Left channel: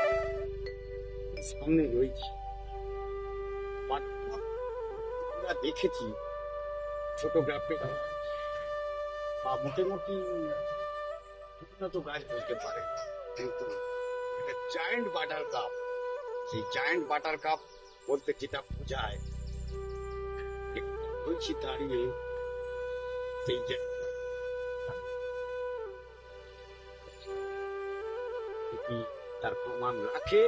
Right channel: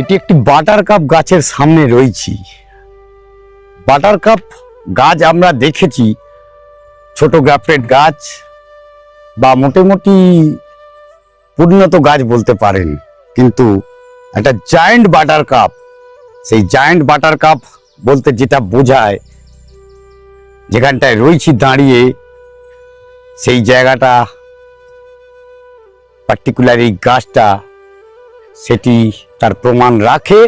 এটি একটি butter cup গাছের সামনে রয়েছি। বাটার কাপ গাছ আমরা দেখেছি ছোট গ্রাফটেড গাছ বা মোটামুটি পরিণত গাছ বলতে পারেন, কিন্তু একটা জায়ান্ট বাটার কাপ, সেই জায়ান্ট বাটার কাপ বলতে যেটা বোঝায়, যেখানটায় রয়েছি দাঁড়িয়ে সেই জায়গাটা পার্টিকুলার এই গাছটা সেটি তার প্রমাণ রাখে।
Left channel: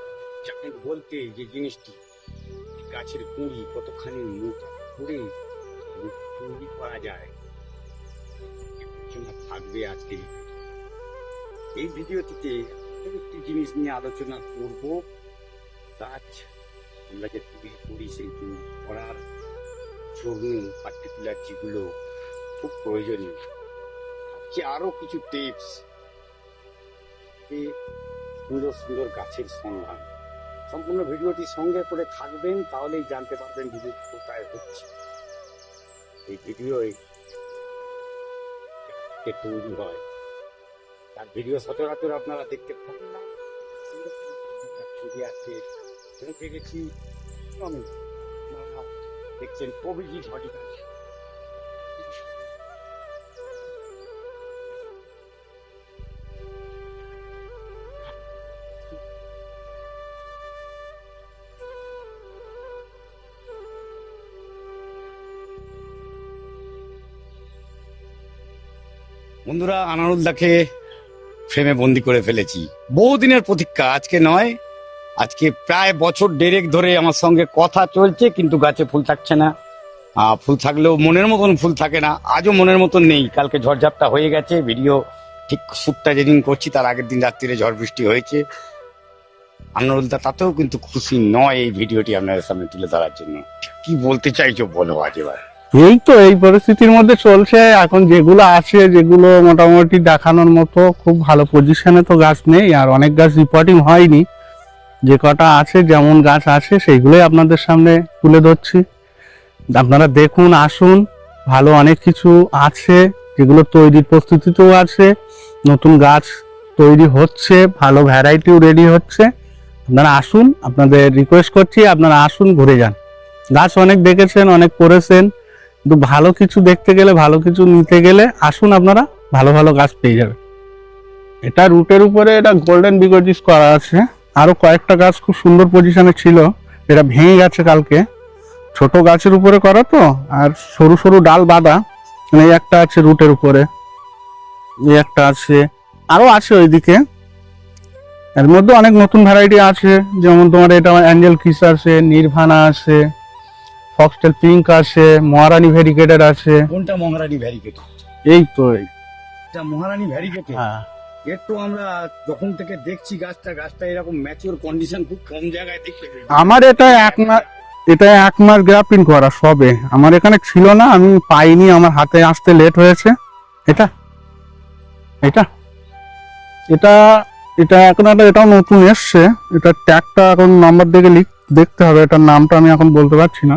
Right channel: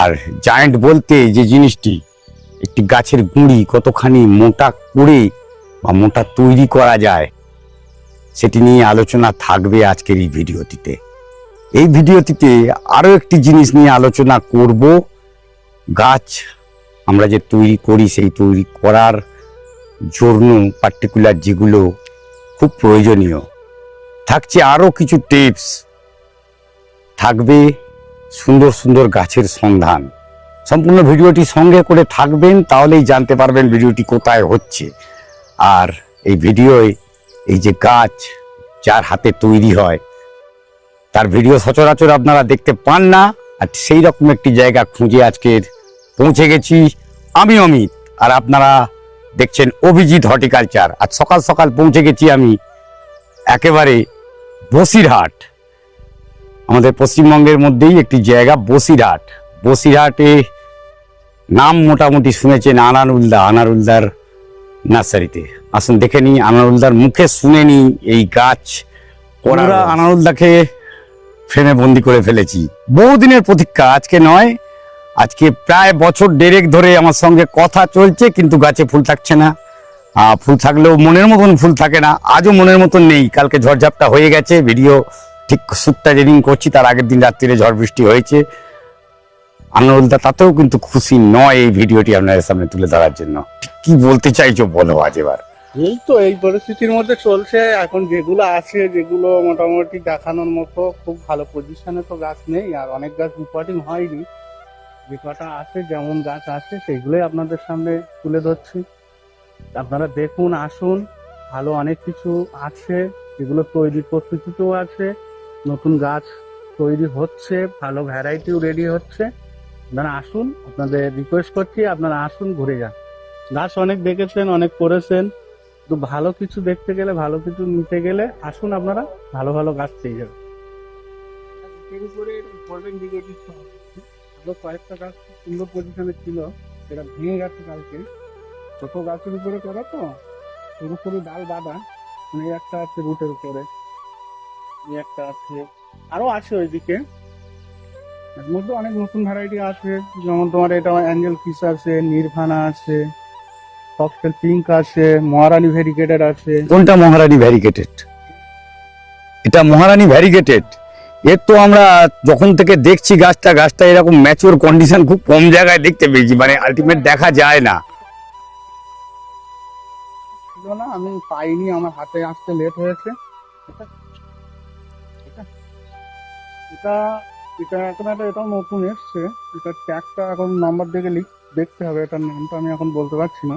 আর জায়ান্ট বলতে যে জিনিসটি, একটি গাছের গুঁড়ি কতখানি মোটা করে বা মোটা তৈরি করা যায়, সেটি নিয়ে আলোচনা থাকবে আজকের এই ভিডিওটিতে। এই ভিডিওটিতে আরও একটি জিনিস নিয়ে আলোচনা করব। গাছ আমরা যে তৈরি করি, সেই তৈরি করার জন্য পার্টিকুলার যেগুলো খুব প্রয়োজনীয় থাকছে, আরও কিছু টিপস থাকবে, সুন্দর সুন্দর গাছের সন্ধান। সম্পূর্ণ ভিডিওটি সঙ্গে করে থাকবেন, তাহলেই জানতে পারবেন ভিডিওটি কোথায় হচ্ছে। আর এই ভিডিওয় এই যে গাছ যার হাতে তৈরি হয় তার ভিডিও সচরাচর আপনারা দেখতে পান না, আর সেই রকম একটি জায়গা খুঁজে আজকের পৌঁছে গেছি। আমি অমিত, আর আপনারা দেখছেন অভিজিৎ হর্টিকালচার। আজ সকাল সকাল পৌঁছে গেছি আমি একেবারে বসিরহাট, আমাদের পশ্চিমবঙ্গের মধ্যেই একটি জায়গা বসিরহাট। বসিরহাটে নাম মোটামুটি শুনেছেন আনারুলদার নার্সারিতে। আসুন দেখে নিই, আনারুলদার মুখে শুনে নিই এই গাছ। ওরা আনারুলদাকে ফ্রেমে বন্দি করে ফেলেছি। বহুদিনের প্রতীক্ষা, আজকে নয়, আজকে প্রায় বছর দেড়েক ধরে আমার সঙ্গে কথা চলছে, কিন্তু গাছে ফুল থাকছে না। ফুল থাকলেও মনের মতন ফুল থাকে না। আজও মনের মতন নেই। কালকে ঝড়ঝাপটা হয়ে গেছে, ভিডিও ঠিক শ্যুটটা যেদিন করছি তার আগের দিন রাত্রিরে ঝড় বৃষ্টি হয়েছে। আনারুলদা তাতেও কিন্তু খুশি নয় এই ভিডিওটি আপনাদের সামনে তুলে ধরার জন্য। কি বলতে চাইছো বলো আজ এবার? এই তো এই পরিস্থিতির মধ্যে চলছে এখন। যেগুলো আছে, যেগুলো মোটামুটি দেখানোর মতো খুব ভালো পজিশনে তো গাছ নেই, আর অনেক গাছ রিপোর্টিং হয়নি। যে কটা আছে, যেমন গাছ আছে, সেইগুলোই আপনাদের সামনে তুলে ধরছি। আপনারা দেখুন, আসুন। ভালো অনেক কিছু আছে যেগুলো তৈরির প্রস্তুতিতেও আছে, নতুন গাছ তৈরি হচ্ছে, ভালো ভ্যারাইটিও রেডি হচ্ছে। আপনারা আসুন, আপনাদের রিকোয়েস্ট করছি আপনারা আসুন, ঘুরে যান। গাছ অনেক দেখেছেন, অনেক করেছেন, কিন্তু ভালো কিছু দেখতে গেলে, ভালো কিছু নিতে গেলে আসুন, আপনারা ভালো ভালো গাছ পেয়ে যাবেন। এটা রুটের উপরে এটা গোল্ডেন বিগোজিস করা আছে। আরো কয়েকটা গাছ খুব সুন্দর পজিশনে ছিল, এটা ভেঙে গেছে কালকে। ছোট গাছের উপরে করা তো, আর সরু সরু ডাল বাঁধা। মানে এই একটা আছে রুটের উপরে, এই একটা আছে, আরো আছে ওইদিকে। এর মধ্যে অনেক নতুন ভ্যারাইটি আছে, যেমন তোমার এটা অ্যাঞ্জেল কিস আছে, নির্ভানা আছে, ফক্সটেল পিঙ্ক আছে, মহারানী ভেরিকেটেড আছে। কোনটা মহারানী ভ্যারিগেটেড? এই তো এটা মহারানী ভ্যারিগেটেড। এর তো আমরা যখন থেকে দেখছি গাছটা এরকম ম্যাচিওর কন্ডিশন খুব কম জায়গায় দেখতে পেয়েছি, মানে আমার এটা ultimate এক দেখা মাস- যায় না। এটা 1 মাস গ্রাফটিং করা সবে, আমার এখানে ছিল না, আমি পাইনি, আমার হাতে আসতে লেট হয়েছে। এটা এটা এটা এটা এখন এটাও নতুন এসছে। এটা ট্যাগটা এখন নাম্বার দেখে দেখতে হবে, এটার নামটা আমি এখন বলতে পারছি না।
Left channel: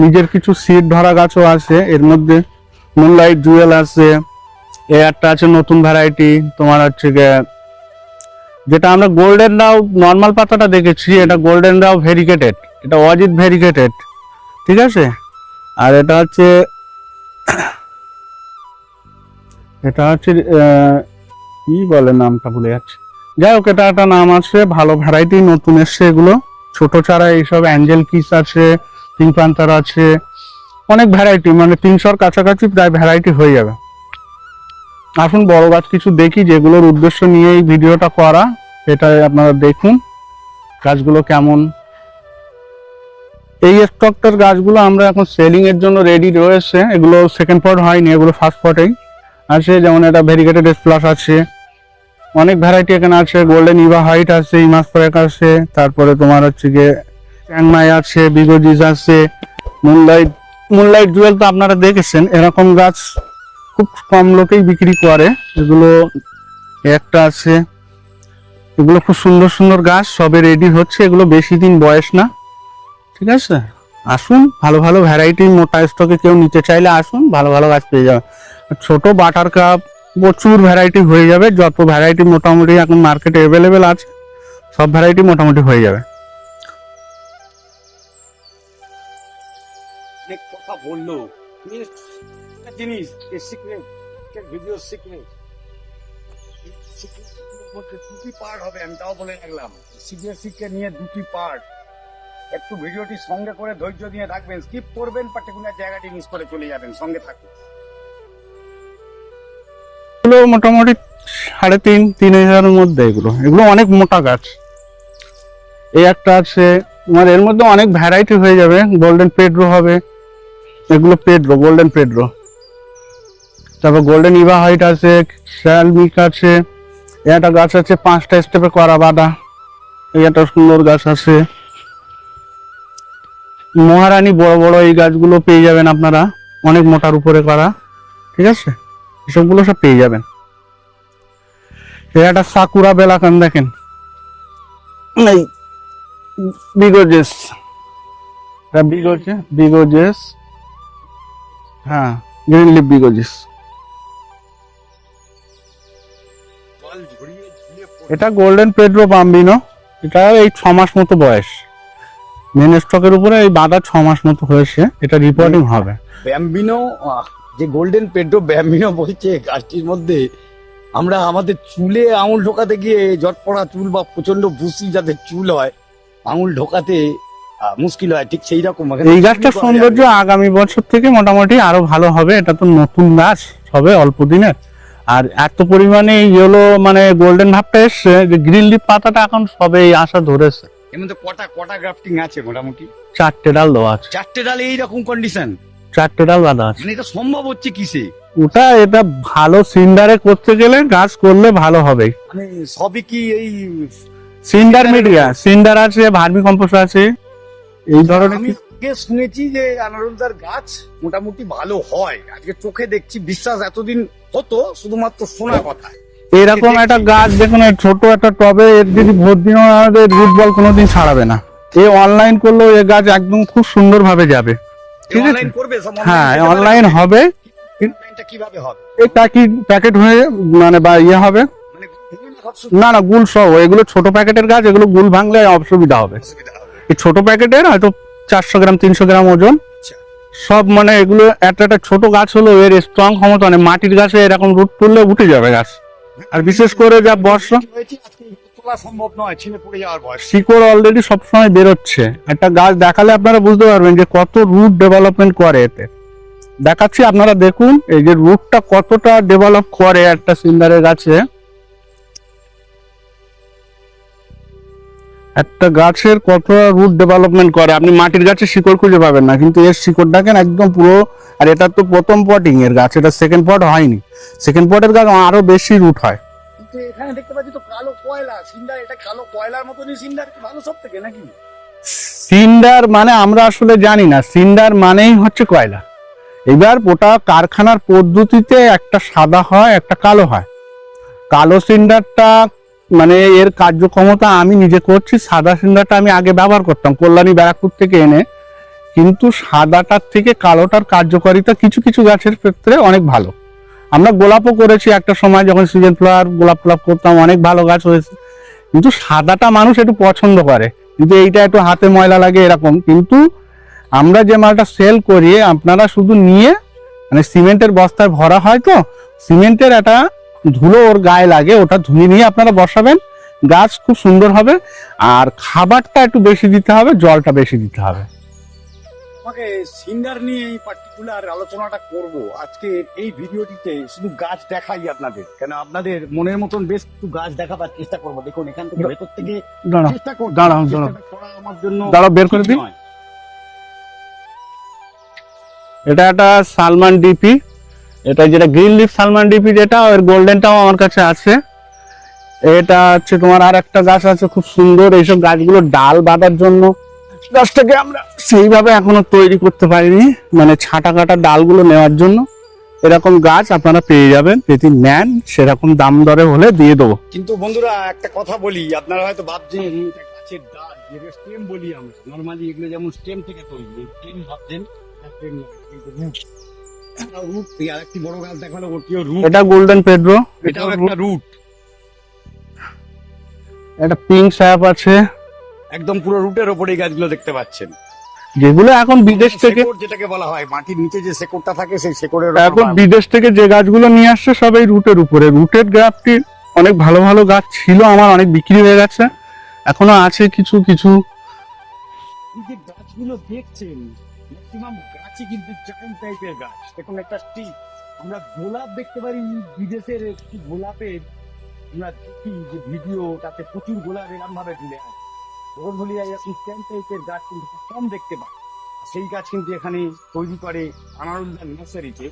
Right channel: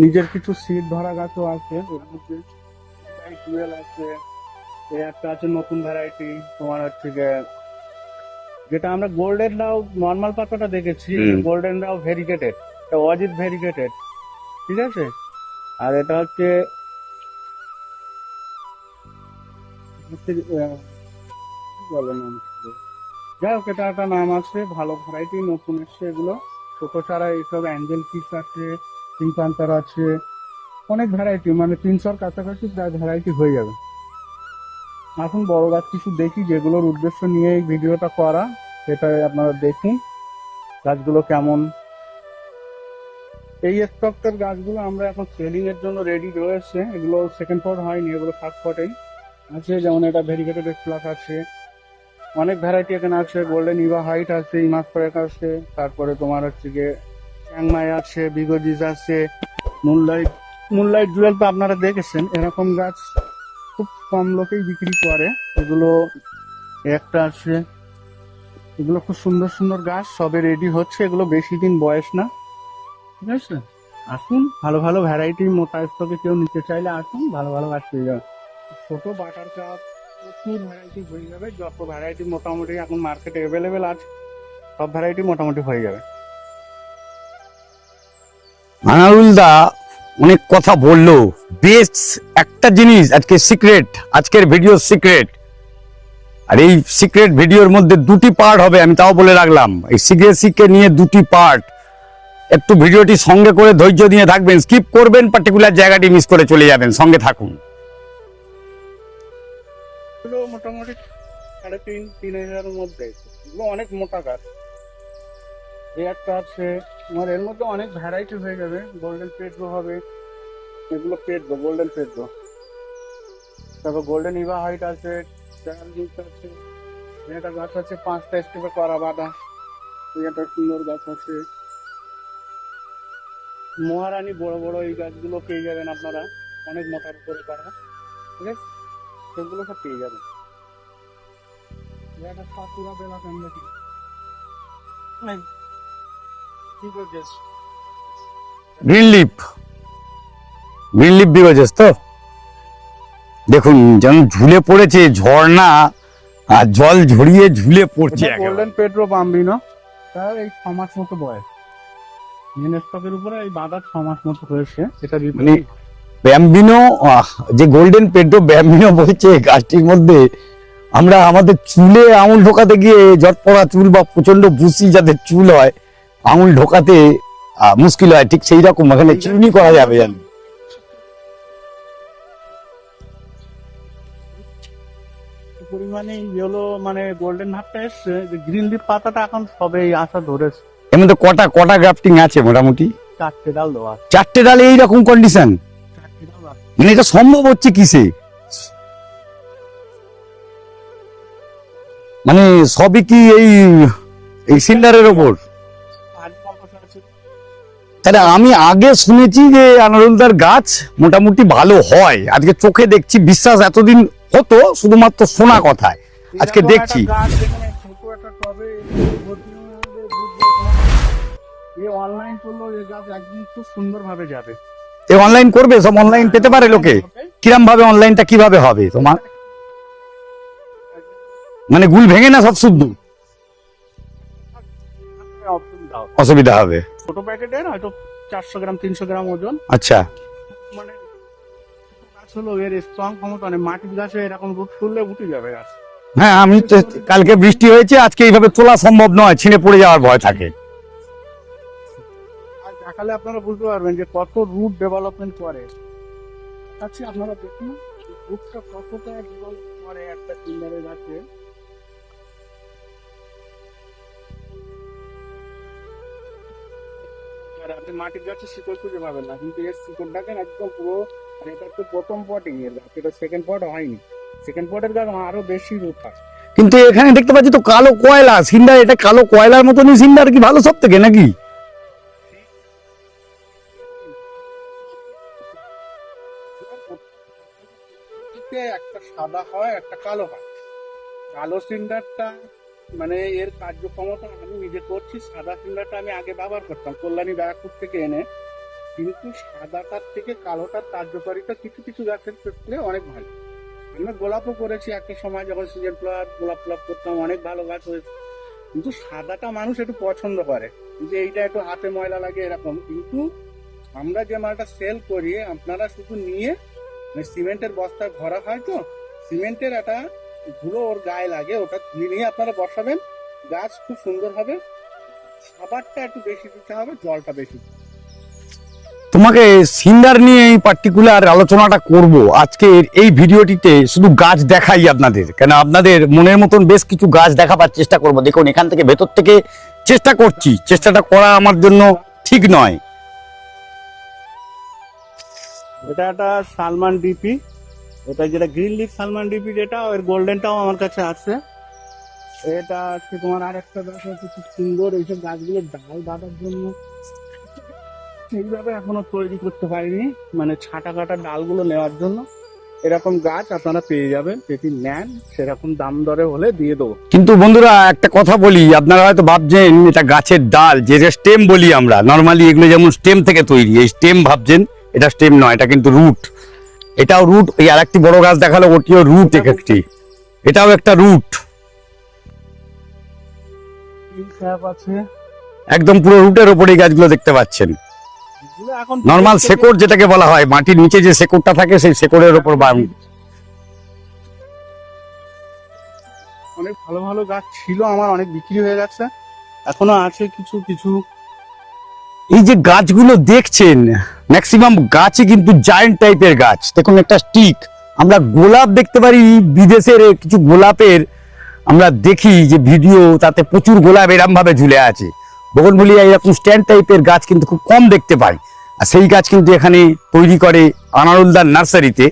নিজের কিছু সিড ধরা গাছও আছে এর মধ্যে, মুনলাইট জুয়েল আছে, এ একটা আছে নতুন ভ্যারাইটি তোমার হচ্ছে গিয়ে, যেটা আমরা গোল্ডেন রাও নর্মাল পাতাটা দেখেছি, এটা গোল্ডেন রাও ভেরিকেটেড, এটা অজিত ভেরিকেটেড, ঠিক আছে। আর এটা হচ্ছে কি বলে নামটা ভুলে যাচ্ছে, যাই হোক এটা একটা নাম আছে, ভালো ভ্যারাইটি নতুন এসছে এগুলো। ছোট চারা এইসব অ্যাঞ্জেল কিস আছে, পিঙ্ক প্যান্থার আছে, অনেক ভ্যারাইটি, মানে 300-র কাছাকাছি প্রায় ভ্যারাইটি হয়ে যাবে। আসুন বড় গাছ কিছু দেখি, যেগুলোর উদ্দেশ্য নিয়ে এই ভিডিওটা করা, এটা আপনারা দেখুন গাছগুলো কেমন। এই স্টকটার গাছগুলো আমরা এখন সেলিং এর জন্য রেডি রয়েছে, এগুলো সেকেন্ড পট হয়নি, এগুলো ফার্স্ট পটেই আছে। যেমন এটা ভেরিগেটেড এস প্লাস আছে, অনেক ভ্যারাইটি এখানে আছে, গোল্ডেন ইভা হোয়াইট আছে, ইমাস প্যাক আছে, তারপরে তোমার হচ্ছে গিয়ে চ্যাংমাই আছে, বিগোজিস আছে, মুনলাইট জুয়েল তো আপনারা দেখেছেন। এরকম গাছ খুব কম লোকেই বিক্রি করে, এগুলো একটা আছে। এগুলো খুব সুন্দর সুন্দর গাছ, সবে রেডি হচ্ছে, এগুলো বেশি দিন বয়স না, ঠিক আছে। আসুন, ভালো ভালো ভ্যারাইটি মোটা স্টকে কেউ নিতে চাইলে আসুন, ভালো ভালো গাছ পেয়ে যাবে। ছোট বাটার কাপ প্রচুর ভ্যারাইটি হয়ে যাবে, যত ভ্যারাইটি মোটামুটি এখন মার্কেটে অ্যাভেলেবেল আছে সব ভ্যারাইটি মোটামুটি হয়ে যাবে। আনারুল দা অনেক কথা বললো, বেশ একটা জিনিস আজকে সিক্রেট, আজকের ভিডিও সিক্রেট, আর এই সিক্রেট ভিডিওর মধ্যে 2টি পার্ট হবে, আমি তাও বলে রাখলাম। এই সিক্রেসিকে নিয়ে 2টি পার্ট, একটু ভিডিওটি সঙ্গে করে ধৈর্য দিয়ে থাকবেন, স্কিপ করবেন, পার্টিকুলার জায়গাটি মিস করে চলে যাবেন, সঙ্গে থাকুন। এগুলো মোটামুটি 3,500-3,000-এর মধ্যে, এগুলো অনেক মোটা গাছ। এই একটা আছে তোমার, এর মধ্যে অনেক ভ্যারাইটি হয়ে যাবে। গোল্ডেন পেড্রো হবে, এগুলো পেড্রো, গোল্ডেন পেড্রো। তারপর গোল্ডেন ইভা হোয়াইট আছে, শ্যালমিক আছে, একটা গাছ আছে 5টা স্টেপে করা বাঁধা, এই একটা সুন্দর গাছ আছে। মহারানী বড় বড় এই গাছগুলো পেয়ে যাবেন আপনারা, অনেক মোটার উপরে করা, ঠিক আছে, এসবগুলো সব পেয়ে যাবেন। এই একটা সাকুরা বেলাকান দেখেন, এই বিগোজেস, Green leaf? বিগোজেস, গ্রিন লিফ বিগোজেস তো, হ্যাঁ গ্রিন লিফ বিগোজেস। দেখুন যেমন ঝুলে পড়েছে, ঝর্ণা আর জল ঝরিয়ে ঝুলে পড়ছে। এটা গোল্ডেন পেড্রো বাম্বিনো, এটা এই 6 মাস মতো বয়স, মেন স্টকের উপরে এই বাঁধা 6 মাস মতো হয়েছে, এটা রিপোর্টিং হবে। ব্যাম্বিনো, যে গোল্ডেন পেড্রো ব্যাম্বিনো বলছে, গাছটির মধ্যে আমরা আমাদের চুলে আঙুল ঢোকাতে গিয়ে, জট পড়া চুল বা প্রচন্ড বুসি যাদের চুল হয়, আঙুল ঢোকাতে মুশকিল হয়, ঠিক সেই রকম এই গাছটা সৌন্দর্য আগামী বছর থেকে মোটামুটি আরো ভালো হবে। এটা তো নতুন গাছ, সবে অল্প দিনের, আর এত পরিমাণে ইয়েলো মানে গোল্ডেন ভাবটা এসছে যে গ্রিন লিফ পাতাটা এখন সবে আসা ধরেছে। এর মধ্যে কটা গ্রাফটিং আছে মোটামুটি? 4টে ডাল দেওয়া আছে, 4টে ডালে এইরকম কন্ডিশন, 4টে ডাল বাঁধা আছে। মানে এটা সম্ভব হচ্ছে কিসে? এটা ভালো সিন্ডারে করতে গেলে গাছ করলে ভালো হবে। মানে সবই কি এই সিন্ডারের উপর, সিন্ডার আছে, ভার্মি কম্পোস্ট আছে। আমি আগে শুনেছি যে আনারুলদার গাছ মোটামুটি ভালো হয়, আজকে চোখে দেখছি, বিশ্বাস এতদিন হতো শুধুমাত্র শোনা কথায়। এরকম একটা গাছ দেখুন, ছোট একটা টবে, এর যদি ভোট দিন আমাদের রুট বল কোনোদিন ছাড়াবে না। এই অনলাইন করলেও এই গাছ একদম খুব সুন্দর ভাবে যাবে, এই অনলাইন করবে, সব অনলাইন হ্যাঁ, পেতে পারে online লোকে? হবে। কিরম ভাবে অনলাইনটা কিভাবে হবে তোমার? এটা কি প্যাকেট হয়ে মানে বা ইয়ে হবে? মানে গুল ভেঙে না সব শুদ্ধ? না না, গুল সহ। এগুলো ছোট প্যাকেটের গাছ, এগুলো গুল ভাঙলে অসুবিধা হবে। অসুবিধা হবে। এই ছোট প্যাকেটের হয়তো 400 গ্রাম 300 গ্রাম ওজন। আচ্ছা, সব মানে এগুলো একটা ছোট গাছ হলো, এর স্ট্রং ক্ষমতা নেই। মাটির গাছে এরকম রুট তুললে উঠে যাবে গাছ। হ্যাঁ, আর আমি বিশেষ করে যা কালকে বর্ষা- বৃষ্টি হয়েছে, আজকে এইভাবে তোলা সম্ভব নয়, ছিঁড়ে পড়ে যাওয়ার ভয় থাকে। শিকড় অলরেডি সবসময় বেরোচ্ছে। একটা গাছ দেখালে আপনারা বুঝতে পারবেন যে কত রুট ডেভেলপমেন্ট করে এতে। দেখাচ্ছি, আপনারা দেখুন এই যে রুটটা কতটা ডেভেলপ করে একটা সিন্ডারের গাছে। একটা গাছের কতটা রুট ডেভেলপমেন্ট করে আপনি মাটির গাছে শিকড় খুঁজে পাবেন না, কিন্তু এর শিকড় দেখেন একদম পুরো। আর এটা তো প্রথম পটিং এর গাছ, এটা সেকেন্ড পট হয়নি। সেকেন্ড পটের গাছ আরো বেশি রুট হয়। কিন্তু এখানে দেখতে পাচ্ছি তো কালো কয়লা সিন্ডার, এটা কালো কয়লার মতনই সিন্ডার কি ভালো সব থেকে নাকি? সিন্ডার মানে আমরা আসলে জানি না, সিন্ডার মানেই হচ্ছে কয়লা। এবার ওটা কারখানার পদ্ধতিতে একটা সাদা হয়, একটা কালো হয়। কালো সিন্ডারটা মানে এর কার্যক্ষমতা আমি নিজে করছি। সাদা সিন্ডারটা আমি আগে ব্যবহার করতাম কল্যাণী ব্যারাকপুর থেকে এনে, কিন্তু সাদাটার থেকে কালোটার কার্যকারিতা কিছু কিছু গাছের ক্ষেত্রে অনেক ভালো। আমরা গোলাপও করেছি একটা সময়, যখন সিজন ফ্লাওয়ার গোলাপ ফ্লাপ করতাম, অনেক ভালো গাছ হয়েছে। কিন্তু সাদাটা মানুষ একটু পছন্দ করে, কিন্তু এইটা একটু হাতে ময়লা লাগে এরকম। কিন্তু আমরা যে মালটা সেল করি, আপনারা শুধু নিয়ে মানে সিমেন্টের বস্তায় ভরা হয়, তো সিমেন্টের একটা ধুলো ওর গায়ে লাগে, ওটা ধুয়ে নিয়ে আপনারা বসাবেন, গাছ খুব সুন্দর হবে। আর খাবারটা একটু বেশি দিতে হবে, জলটা বেশি দিতে হবে। তোমাকে সিন্ডার নিয়ে এই পার্টিকুলার আলোচনাটা করব আজকের এই ভিডিওটিতে। শুধু গাছ দেখাই আপনাদের, কেন আপনাদের মনের মতন বেশ কিছু গাছ দেখাবার চেষ্টা করব। দেখুন এখান থেকে ভেতর থেকে দাঁড়াও, চেষ্টা করছি, দাঁড়াও, চেষ্টাটা করা আমার জন্য দাঁড়াও, বের করে ঠিক দিই। নয়। এটা একটা সালমান ডিপি, এটা যেটা গ্রিন লিফ সালমান ডিপি, যেটা ওর গোল্ডেনটাও আমার কাছে আছে। এটা হচ্ছে তোমার আর একটা গাছ আছে খুব সুন্দর। এইসব গাছগুলো ডাল বাঁধার জন্য গাছটাকে আমরা সেইভাবে এখনো তৈরি করতে পারিনি, মানে ছাটা কাটা ডালগুলো নেওয়ার জন্য। এরকম গাছ আপনারা পেয়ে যাবেন, যদি নেন সেরকম দাম দরে হলে দিয়ে দেবো। কিন্তু বন্ধুরা একটা কথা বলি, আপনারা হয়তো ভাবছেন এটা গাছের ডাল, যে স্টেম বলি আমরা নর্মালি, এগুলো যেমন স্টেম থেকে তৈরি, এই স্টেম ভাবছেন, এটা স্টেম নয়, এটা কিন্তু রুট। এটাও রুট। এই আরেকটি বড় গাছ দেখালো, ওটিও রুট। এটা গোল্ডেন পেড্রো, এটাও একটা রুট। একটা পিঙ্ক স্যাপ আছে, একদম পুরো রুটের ওপরে এই গাছগুলো দেখতে পাচ্ছেন। যেগুলো এখন নরমাল শেকড় যেটাকে বলা হয়, মাটির নিচে যে শেকড়টা থাকে সেই শেকড়ের উপর বিদেশ থেকে যে গাছগুলো নিয়ে আসছে সব এই রুটের উপরে। রুটের গ্রাফটি অনেক ভালো ভালো গাছ ছিল আমার, অনেক বিক্রি হয়ে গেছে, এখনো আছে কিছু কিছু। এই যে গাছগুলো দেখছেন, ম্যাক্সিমাম গাছই কিন্তু জায়ান্ট টাইপের গাছ। দেখুন একটা স্টিক, আমরা গোলাপ দেখতে পারি বিদেশের কিছু গোলাপের, আমরা দেখি যে ভিডিও, তাতে প্রচুর গোলাপ এরম ভাবে ঝুলে আছে। বগনভেলিয়া এরকম স্ট্যান্ড টাইপের গাছ কিন্তু খুব কম দেখতে পাই, আর সেই গাছ কিন্তু এখানে তৈরি করে আনারুলদার নার্সারিতে।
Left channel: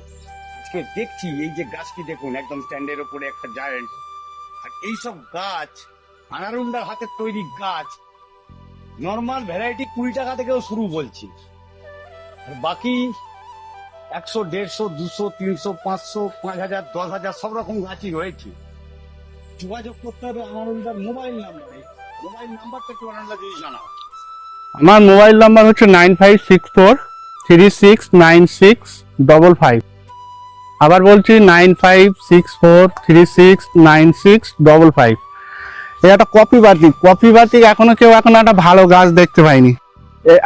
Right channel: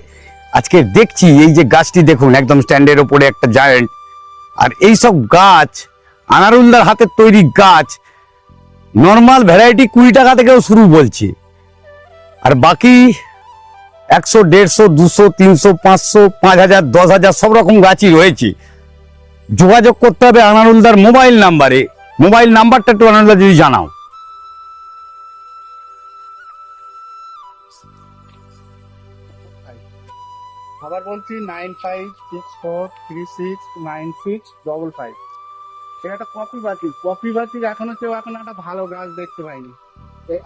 আজকে দেখছি এই যে গাছটি দেখুন, একদম স্ট্যান্ডের ওপরে একটা জায়ান্ট। আর এই সব গাছ আনারুলদার হাতের তৈরি গাছ, নর্মাল ভ্যারাইটি 20 টাকা থেকেও শুরু বলছে, আর বাকি 100, 150, 200, 300, 500, 5000, 10,000 সব রকম গাছই রয়েছে। যোগাযোগ করতে হবে আনারুলদার মোবাইল নাম্বারে। মোবাইল নাম্বারটা একটু আনারুলদার যদি জানাও। আমার মোবাইল নাম্বার হচ্ছে 9564369655। আবার বলছি 9564369655। এটা একটা কপি বাতিক। কপি বাতিক এখনো কেউ এখন একটা ভালো গাছ দেখতে পাইনি।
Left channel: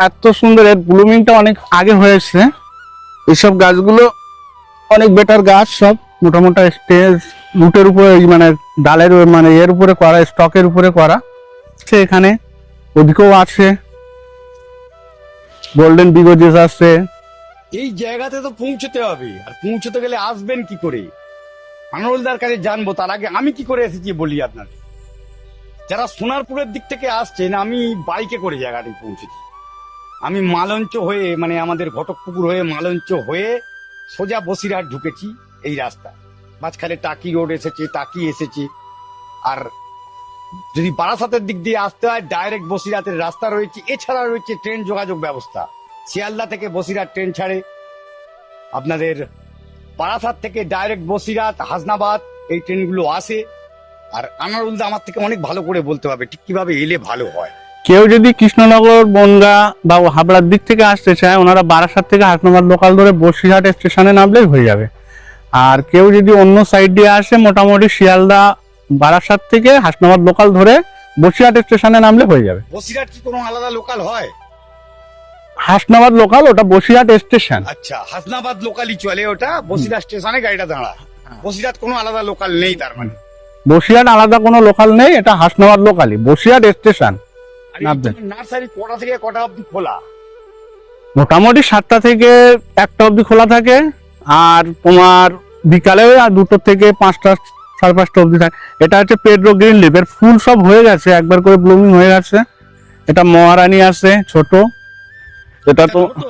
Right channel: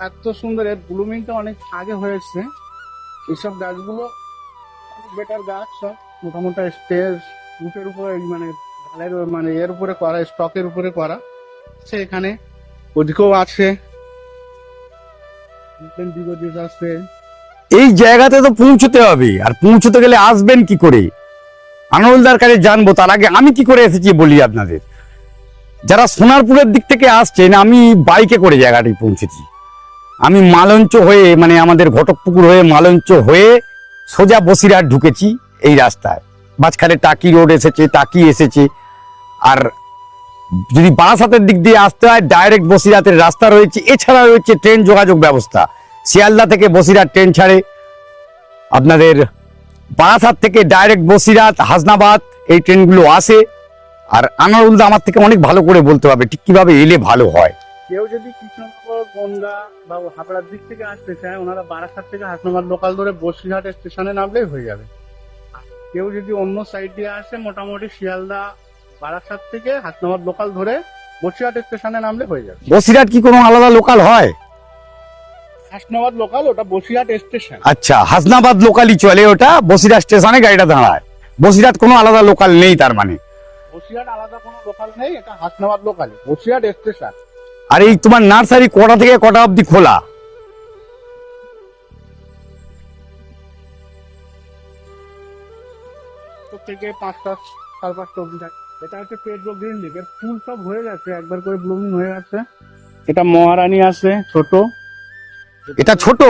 এত সুন্দর, এর ব্লুমিংটা অনেক আগে হয়েছে। এইসব গাছগুলো অনেক বেটার গাছ, সব মোটামোটা স্টেজ রুটের উপরে, মানে ডালের মানে এর উপরে করা, স্টকের উপরে করা। সে এখানে ওদিকেও আছে, গোল্ডেন বিগোজিস আছে। এই জায়গাতে তো পৌঁছতে হবে, আর পৌঁছতে গেলে আসবেন কি করে আনারুলদার কাছে জানবো। তার আগে আমি কি করে এসেছি বলি আপনাদের। যারা সোনারপুরের দিক থেকে আসছেন, আমি বাইকে করে জায়গাটি পৌঁছেছি। আমি মালঞ্চ হয়ে, মানে আমাদের ঘটকপুকুর হয়ে মালঞ্চ হয়ে সোজা বসিরহাট ঢুকেছি এই রাস্তায়। মাঝখানে টাকি রোড এসেছে, টাকি এসেছে। আর যদি বারাসাতের দিক দিয়ে আসতে হয়, ডাইরেক্ট বসিরহাটের রাস্তা রয়েছে। এছাড়া রয়েছে ট্রেন যোগাযোগ ব্যবস্থা। শিয়ালদা থেকে বসিরহাট ট্রেন ছাড়ে, আপনাদের বারাসাত থেকে ডাইরেক্ট বসিরহাট, হাসনাবাদ এই ট্রেনগুলো আসে। আর আনারুলদা আমার থেকে অনেক ভালো করে বলতে পারবে ঠিক কিভাবে এলে ভালো হয়। কেউ যদি কৃষ্ণনগর, বনগাঁ বা হাবড়ার দিক থেকে আসতে চায়, ওনারা বারাসাত থেকে হাসনাবাদ লোকাল ধরে বসিরহাট স্টেশনে নামলেই হয়ে যাবে। আর কেউ যদি অন্য সাইড দিয়ে আসে, মোটামুটি শিয়ালদা বারাসাত থেকে হাসনাবাদ লোকাল ধরে বসিরহাট স্টেশনে নামলে হয়ে যাবে। বসিরহাট কি কোনো আলাদা লোকাল হয়? হাসনাবাদ লোকাল, ওটা বসিরহাট স্টেশন। আচ্ছা, হাসনাবাদ লোকালই চলে, ওটা বসিরহাট স্টেশনে গাড়িটা দাঁড়ায়। বসিরহাট কোনো আলাদা লোকাল নেই তার মানে? বসিরহাট আলাদা কোনো লোকাল নেই, এটা হাসনাবাদ লোকালই, বসিরহাট স্টেশন। আর এই তোমার নার্সারি কটা থেকে কটা অবধি খোলা? মোটামুটি 7টা থেকে 1টা অবধি খোলা থাকে, আর তোমার বিকালে আর 2টো থেকে 5টা, 5:30 অবধি থাকে। এটা হচ্ছে পেড্রো গ্রিন লিভ, এর ফুল সব হয়ে গেছে, একবার করে ব্লুমিং হয়ে গেছে। এটা মহারানী আছে ছোট। এটা ছোট?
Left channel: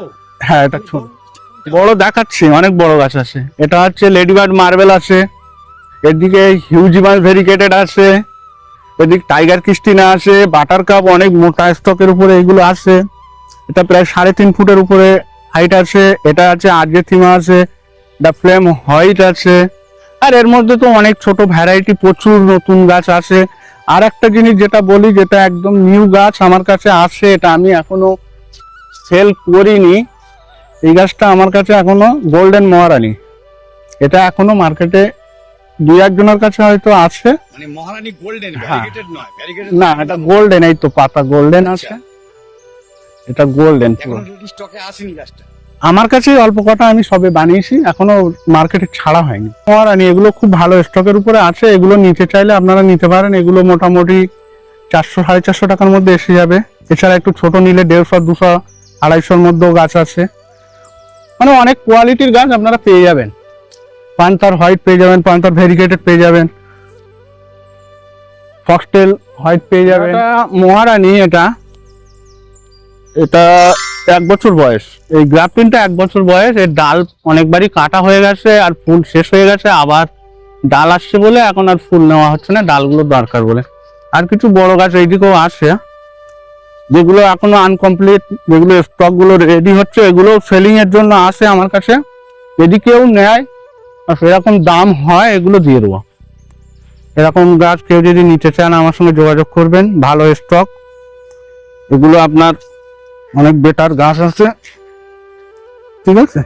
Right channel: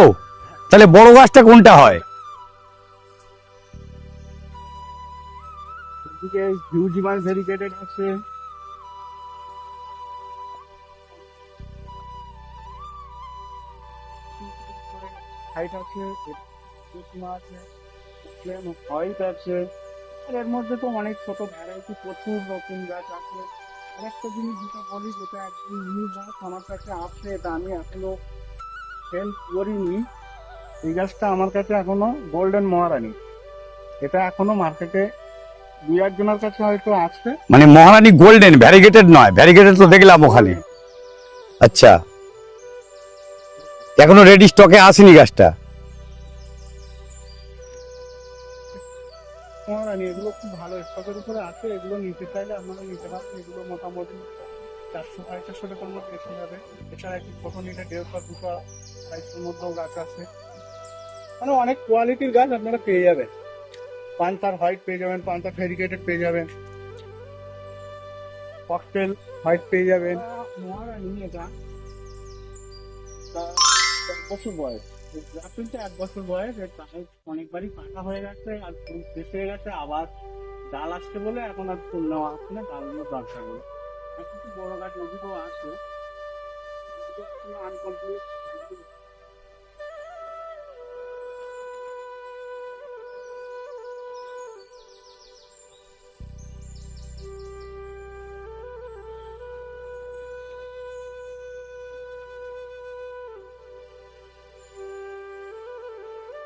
হ্যাঁ। তাহলে বড় গাছটা কোনটা বড় হয়? দেখাচ্ছি, অনেক বড় গাছ আছে। এটা হচ্ছে লেডিবার্ড মার্বেল আছে, এদিকে হিউজিমাস ভেরিকেটেড আছে, এদিক টাইগার ক্রিস্টিনা আছে, বাটার কাপ অনেক মোটা স্টকের উপরে এগুলো আছে। এটা প্রায় 3.5 ফুটের উপরে হাইট আছে। এটা আছে আর্জেন্টিনা আছে, দ্য ফ্লেম হোয়াইট আছে। আর এর মধ্যে তো অনেক ছোট ভ্যারাইটি, প্রচুর নতুন গাছ আছে। আর একটা জিনিস যেটা বলি, যেটা একদম নিউ গাছ আমার কাছে আছে, এটা আমি এখনো সেল করিনি। এই গাছটা আমার কাছে এখনো গোল্ডেন মহারানী, এটা এখনো মার্কেটে 2-1 জনের কাছে হয়তো আছে। মানে মহারানী গোল্ডেন, ভ্যারিগেটেড নয়? ভ্যারিগেটেড তো দেখলাম গোল্ডেন, এই তো পাতা গোল্ডেন। আচ্ছা, এটা গোল্ডেন, এখনো রেডি স্টকে আসেনি গাছটা? আমার কাছে অল্প কটা আমি সবে বানিয়েছি, এখনো মার্কেটে ছাড়া হয়নি। মহারানী এগুলো খুব ভালো স্টকের উপরে আছে, এগুলো নিতে চাইলে আপনারা নিতে পারেন। এগুলো মোটামুটি 400-450 টাকার মধ্যে এসে যাবে। এছাড়া একটু ছোট নিলে 150, 200, 250-র মধ্যেও গাছ আছে। মানে অনেক কোয়ালিটির গাছ আপনারা পেয়ে যাবেন। পান্তার হোয়াইট পেয়ে যাবেন, পান্তার ভেরিকেটেড পেয়ে যাবেন, ফক্সটেল হোয়াইট পেয়ে যাবেন। মহারানী এটা 1 বছর বয়স, এই গ্রাফটিনটা 1 বছর বয়স। এর ডাল অনেকবারই কাটা হয়ে গেছে, আর ফুল শেষ হয়ে গেছে, আবার ডাল আসছে বলে এখন আর ফুল নেওয়া হচ্ছে না, ডালগুলো দরকার বলে। আর কিছু বড় গাছ এইদিকেও আছে, যেগুলো এখনো আনকমপ্লিট, যেগুলো স্টক গুলো রেডি হচ্ছে, এগুলো সেলিং এর জন্য আসে আমার কাছে। যদি কেউ নেয় আর সেরকম দাম হয়, এগুলো দিয়ে দেবো। এরকম গাছ কেউ যদি নিতে চান আমার সঙ্গে যোগাযোগ করবেন, ভালো স্টক। এগুলো আপনার অনেক বেটার গাছ আছে, ঠিক আছে?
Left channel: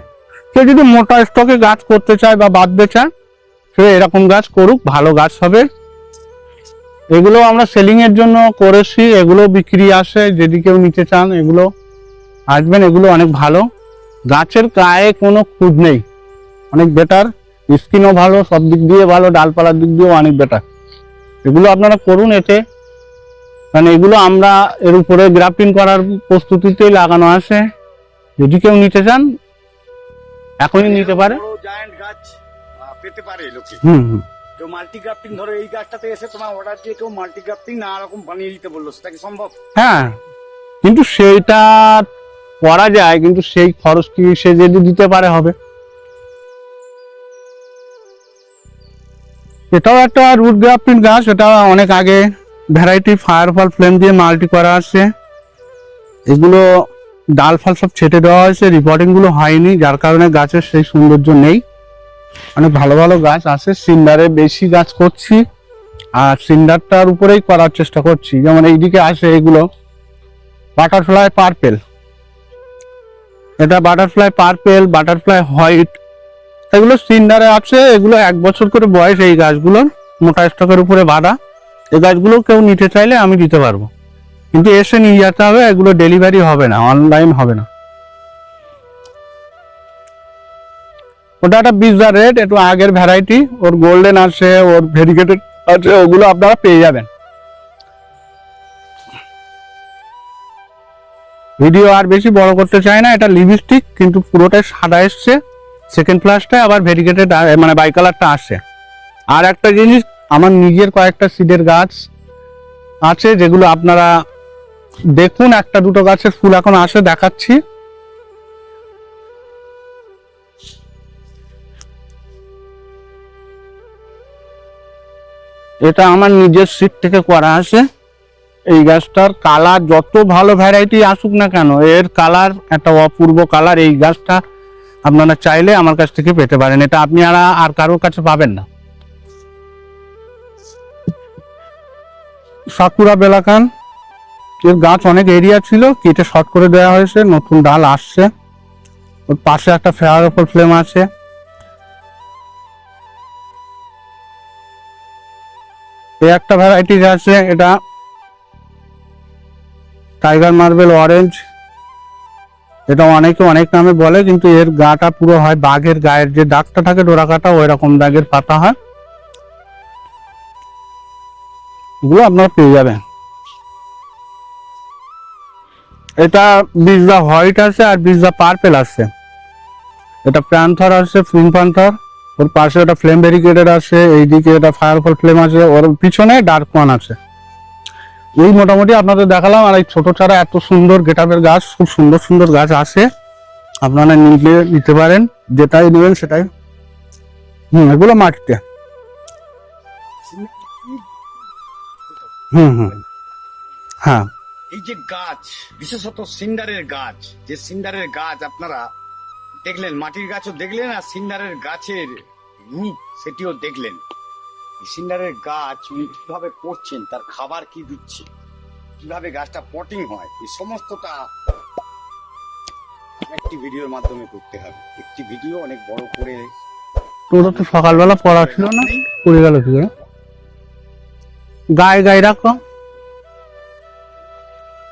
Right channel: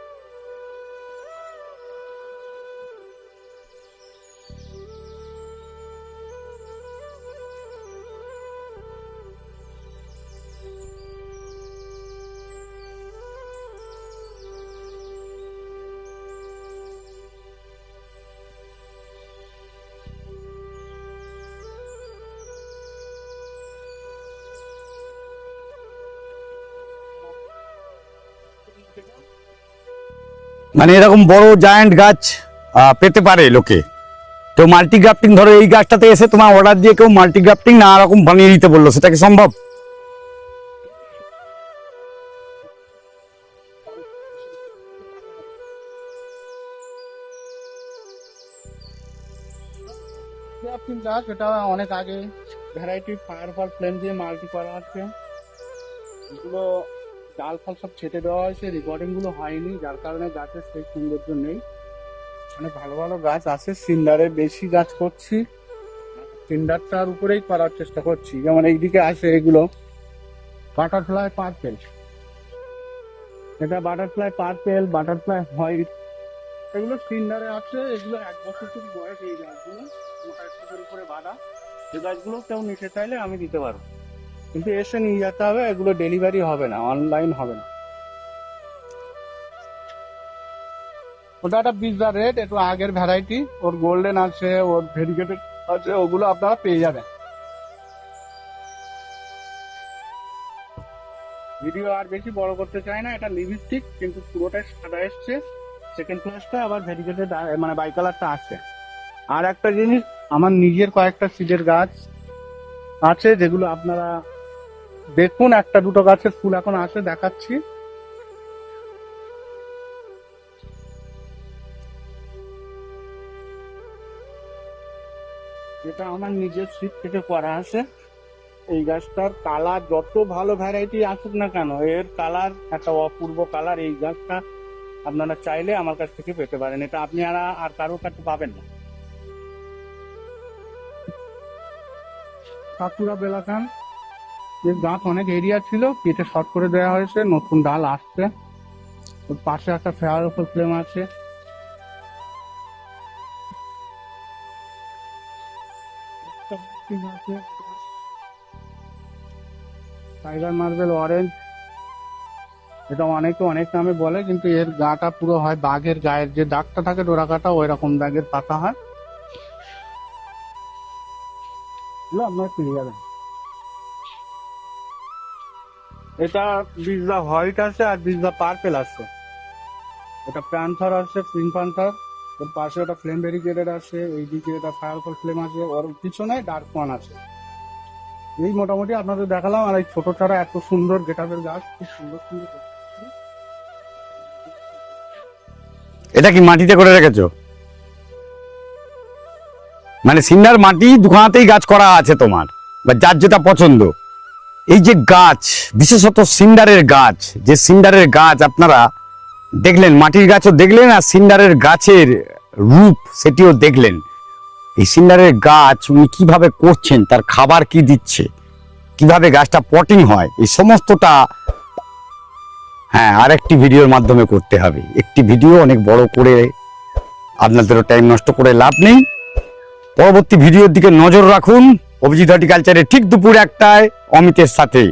কেউ যদি মোটা স্টকে গাছ করতে চায় বা বাঁধতে চায়, সে এরকম গাছ করুক, ভালো গাছ হবে। এগুলো আমরা সেলিং এর জন্য করেছি, এগুলো বিক্রি আসে, যদি কেউ নিতে চান এগুলো আসবেন। এগুলো অনেক ভালো, গাছের গায়ে কোনো খুঁত নেই, অনেক বেটার, স্কিনও ভালো, সব দিক দিয়ে ভালো, ডালপালার দিক দিয়েও অনেক বেটার। এগুলো আপনারা করুন এতে, কারণ এগুলো আমরা এর উপরে গ্রাফটিং করার প্রস্তুতিতেই লাগানো আছে। যদি কেউ নিতে চান এখন মানে এরকম বড় জায়ান্ট গাছ পেতে পারে লোকে। তো মাল্টি গ্রাফটিং, ধরো এই গাছটাতে এসে তোমার অর্ডার দিয়ে কেউ মাল্টি গ্রাফটিং না রকম বানিয়ে দিতে বললো, সেটা কি সম্ভব? হ্যাঁ, কিন্তু সেইটা করা যায়, কিন্তু সেই খরচ কি সে যদি দিতে পারে হবে। এটাও একটা রুট গ্রাফটিং গাছ, এটা অনেক আগে ভ্যারাইটি ফায়ারফল ফ্লেম দিয়ে মাল্টি করা আছে। এগুলো ডাল ফাল সব ছেটে দেওয়া হয়েছে, রিপোর্টিং গুলো হয়নি, যার কারণে গাছের সেই সৌন্দর্য নেই। অনেক ভালো ভালো গাছ আছে, সিন্ডারে বেশি গাছ করছি, আর সিন্ডারটার উপরেই করার চেষ্টা করছি। যেমন এইদিকে আসে এগুলো বাটারফ্লাই পার্পেল, এটা বাটারফ্লাই পার্পেল, বাটারফ্লাই হোয়াইট, এগুলো সিন্ডারে আছে। এগুলো 1 বছর করে বয়স, এই গাছগুলোর মোটা স্টকের উপরে বাঁধা। এই গাছগুলো কেউ নিতে চাইলে আমি দিতে পারবো, কিন্তু এসে নিয়ে যেতে হবে, এগুলো ডেলিভারি হবে না, অনলাইন হবে না। ওটা একটা বিজা রেড, একটু আগের ভ্যারাইটি, ওর গোল্ডেন আছে, ওর ভেরিকেটেড আছে, ওগুলো আপনারা পেয়ে যাবেন। ভিডিও আর বেশি বড় করতে চাই না, এটা লিপস্টিক কিন্তু পুরোটাই সাদা এসছে, সেকেন্ড ফ্লাশটা আবার ভেরিকেটেড মানে বাই কালারটা আসছে। আর একটা জিনিস, আমার নিজের কয়েকটা সিডের গাছ আছে, যেগুলো আপনারা দেখুন, 1-2টো গাছের ফুল এখন আসে, দেখাচ্ছি। এটা আমার নিজের সিড থেকে করা আছে। এই গাছটার কালার যত ভালো ভ্যারাইটি আসুক না কেন, এর কালার একটা অপূর্ব কালার। এই গাছটা আপনারা চাইলে আমার কাছ থেকে পেতে পারেন, এটা আপনি আর কারোর কাছে পাবেন না। সাকুরা বেলাকান, এর গাছ অনেক এরিয়া ছিল, কেটে শর্ট করে দেওয়া হয়েছে, নতুন ডাল আসছে। ওর পাশে একটা ফেয়ার অফার ফ্লেম আছে। এই একটা ভ্যারাইটিস আছে, এটা টাইগার মার্বেল অরেঞ্জ। এটা অনেকে অনেক নামে বলে, কিন্তু এর গাটা পুরো হয় বাঘের গায়ের যে দাগটা থাকে ডোরা কাটা, ওই রকম দাগের পাতা হয়। এগুলো আপনারা পেয়ে যাবেন। এটা বিজদা হোয়াইট আছে আর বিজদা পার্পেল আছে। এটা প্যান্থার আছে, ফিন প্যান্থার। ওর পাশে ওটা ফ্লেম ব্যারিকেডের আছে, এইদিকে এটা ফায়ারফল ফ্লেম আছে, ওর পিছনে ডার্ক ওয়ান আছে। এই মোটামুটি আপনাদের দেখালাম। আর এই ছোট চারা এত সুন্দর গেটআপের গাছ, খুব সুন্দর সুন্দর গাছ আছে, আপনারা নিতে পারেন, যেটাই নেবেন। এটা কি মাটিতে করে রেখেছো? এগুলো মাটিতে, মানে সিন্ডার মাটি দুখানাতেই গাছ করা আছে তোমার, বা যার যেটা পছন্দ। হ্যাঁ। এই যে গাছ, বিশেষত সিন্ডারের গাছ, যে সিন্ডারের গাছ আপনারা দেখলেন, মাটির গাছও দেখলেন আর সিন্ডারের গাছের রূপ সেটিও দেখলেন। এই সিন্ডারের গাছ উনি কিভাবে করছেন, তার খাবার কি দিচ্ছে, কিভাবে গাছটা পটিং হয়, এই সমস্তটা হ্যাঁ আরেকটি ভিডিওর মাধ্যমে করতে হবে। একটি ভিডিও অনেক বড় করে আপনাদের টাইম নষ্ট করে লাভ নেই। পরবর্তী ভিডিওর দিকে নজর রাখুন। গায়ে হর্টিকালচারে ঠিক দুপুর 1টায় অমিতের সাথে।